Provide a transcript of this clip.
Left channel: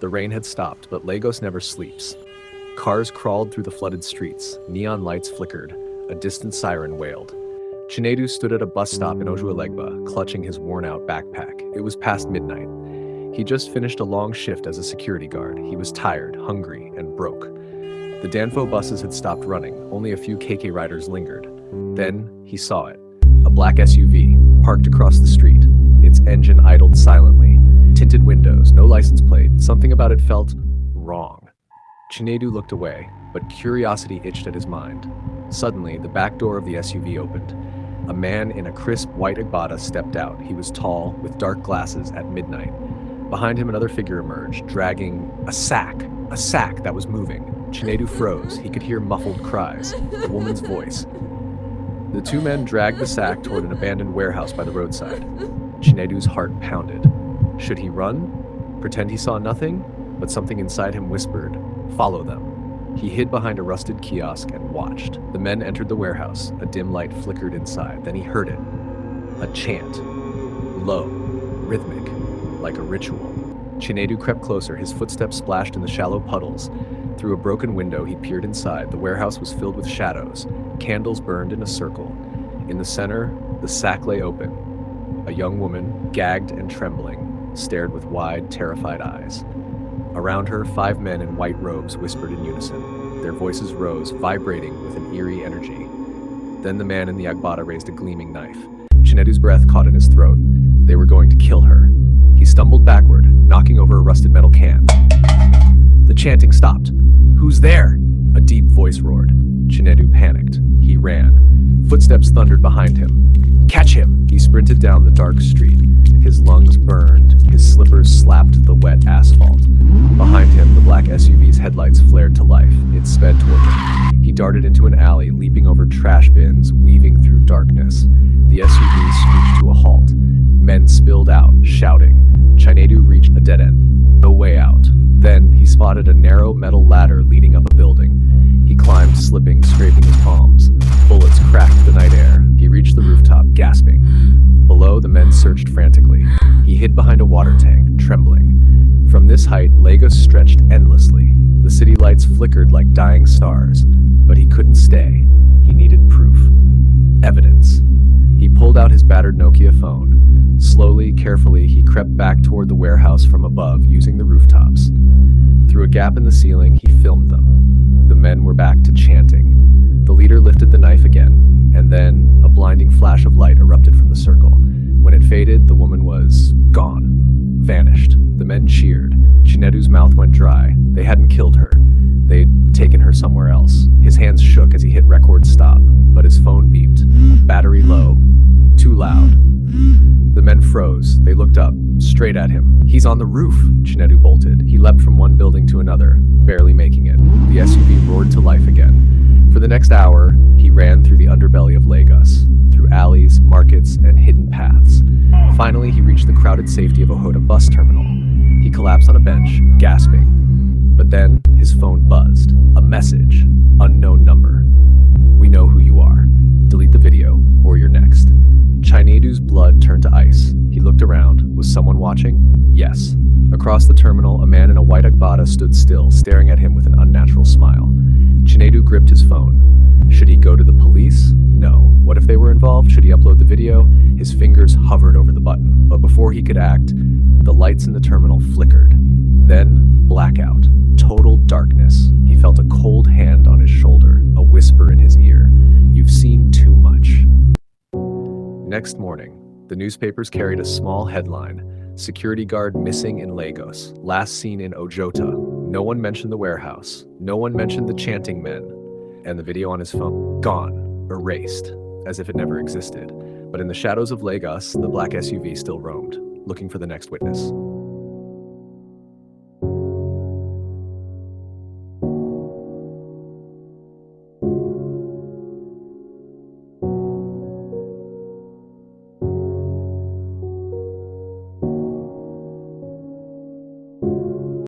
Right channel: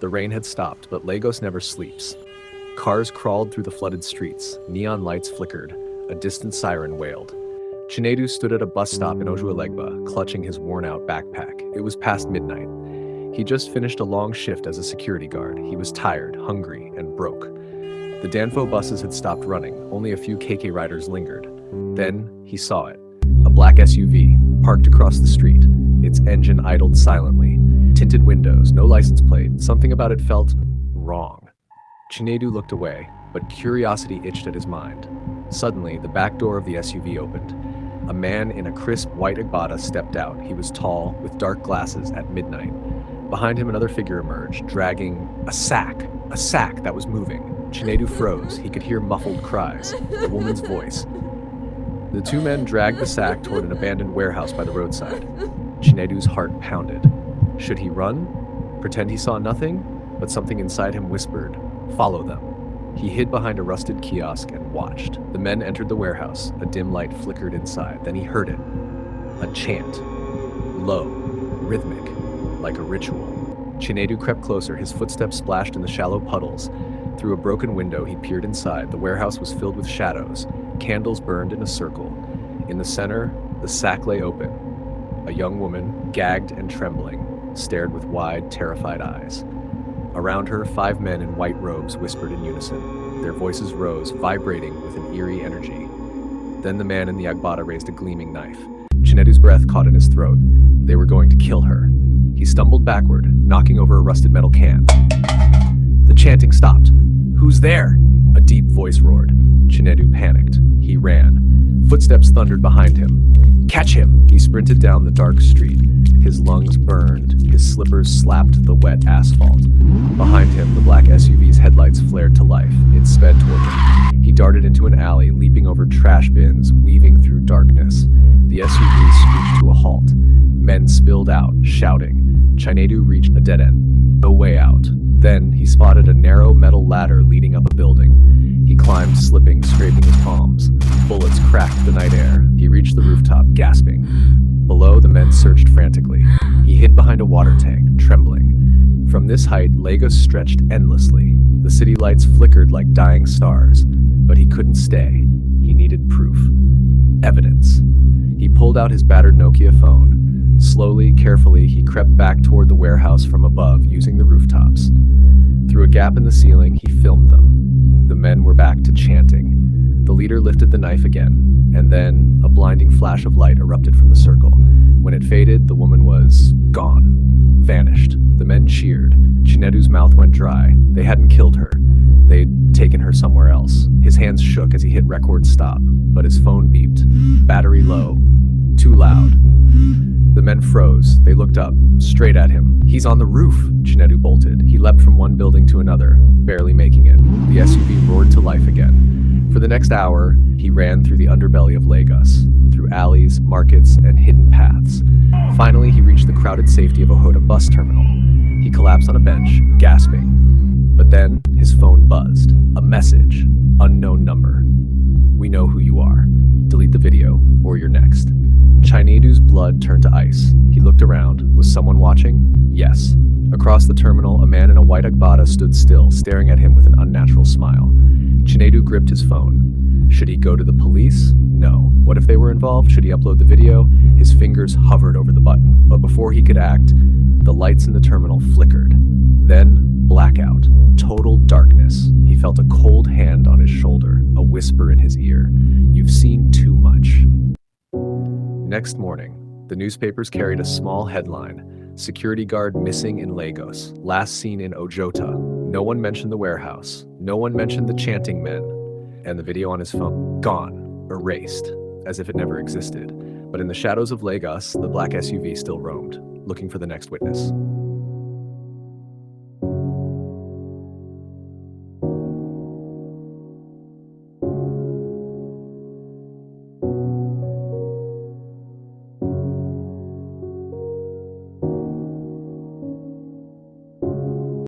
The rain had stopped, but Lagos never sleeps. Cars crawled through the flooded streets, neon lights flickered, a distant siren wailed. Chinedu stood at a bus stop in Ojuelegba, clutching his worn-out backpack. It was past midnight. He just finished a long shift as a security guard. He was tired, hungry, and broke. The Danfo buses had stopped running. Only a few KK riders lingered. Then he saw it. A black SUV, parked across the street. Its engine idled silently. Tinted windows, no license plate. Something about it felt wrong. Chinedu looked away, but curiosity itched at his mind. Suddenly, the back door of the SUV opened. A man in a crisp white agbada stepped out. He was tall, with dark glasses at midnight. Behind him, another figure emerged, dragging a sack that was moving. Chinedu froze. He could hear muffled cries, a woman's voice. The two men dragged the sack toward an abandoned warehouse by the roadside. Chinedu's heart pounded. Should he run? Pretend he saw nothing? But something inside him whispered, "Follow them." He hid behind a rusted kiosk and watched. The men entered the warehouse. A dim light flickered inside. Then he heard it. A chant. Low, rhythmic, like a ritual. Chinedu crept closer. His footsteps splashed in the shallow puddles. Through a broken window, he peered inside. The warehouse was filled with shadows. Candles burned in a circle. In the center, the sack lay open. A young woman, gagged and trembling, stared with wide, terrified eyes. Around her, 5 men in white robes whispered in unison. Their voices rose, vibrating with an eerie energy. Then the man in the agbada raised a gleaming knife. Chinedu's breath caught in his throat. They were going to kill her. He stumbled backward, knocking over a rusted metal can. The chanting stopped. "Who's there?" A deep voice roared. Chinedu panicked. He ran. Footsteps thundered behind him. "Catch him!" He sprinted down the dark street. His lungs burned. His slippers slapped the wet asphalt. Behind him, the black SUV's headlights flared to life. It sped toward him. He darted into an alley, leaping over trash bins, weaving through darkness. The SUV screeched to a halt. Men spilled out, shouting. Chinedu reached a dead end. No way out. Then he spotted a narrow metal ladder leading up a building. He climbed, slipping, scraping his palms. Bullets cracked the night air. He reached the rooftop, gasping. Below, the men searched frantically. He hid behind a water tank, trembling. From this height, Lagos stretched endlessly. The city lights flickered like dying stars. But he couldn't stay. He needed proof. Evidence. He pulled out his battered Nokia phone. Slowly, carefully, he crept back toward the warehouse from above, using the rooftops. Through a gap in the ceiling, he filmed them. The men were back to chanting. The leader lifted the knife again, and then a blinding flash of light erupted from the circle. When it faded, the woman was gone, vanished. The men cheered. Chinedu's mouth went dry. They hadn't killed her. They'd taken her somewhere else. His hands shook as he hit record stop, but his phone beeped. Battery low. Too loud. The men froze. They looked up, straight at him. "He's on the roof," Chinedu bolted. He leapt from one building to another, barely making it. The SUV roared to life again. For the next hour, he ran through the underbelly of Lagos, through alleys, markets, and hidden paths. Finally, he reached the crowded safety of a Hoda bus terminal. He collapsed on a bench, gasping. But then, his phone buzzed. A message. Unknown number. "We know who you are. Delete the video, or you're next." Chinedu's blood turned to ice. He looked around. Was someone watching? Yes. Across the terminal, a man in a white agbada stood still, staring at him with an unnatural smile. Chinedu gripped his phone. Should he go to the police? No. What if they were involved? Should he upload the video? His fingers hovered over the button. But before he could act, the lights in the terminal flickered. Then, blackout. Total darkness. He felt a cold hand on his shoulder, a whisper in his ear. "You've seen too much." Next morning, the newspapers carried a small headline: "Security guard missing in Lagos, last seen in Ojota." No one mentioned the warehouse. No one mentioned the chanting men. And the video on his phone, gone, erased, as if it never existed. But in the shadows of Lagos, the black SUV still roamed, looking for the next witness.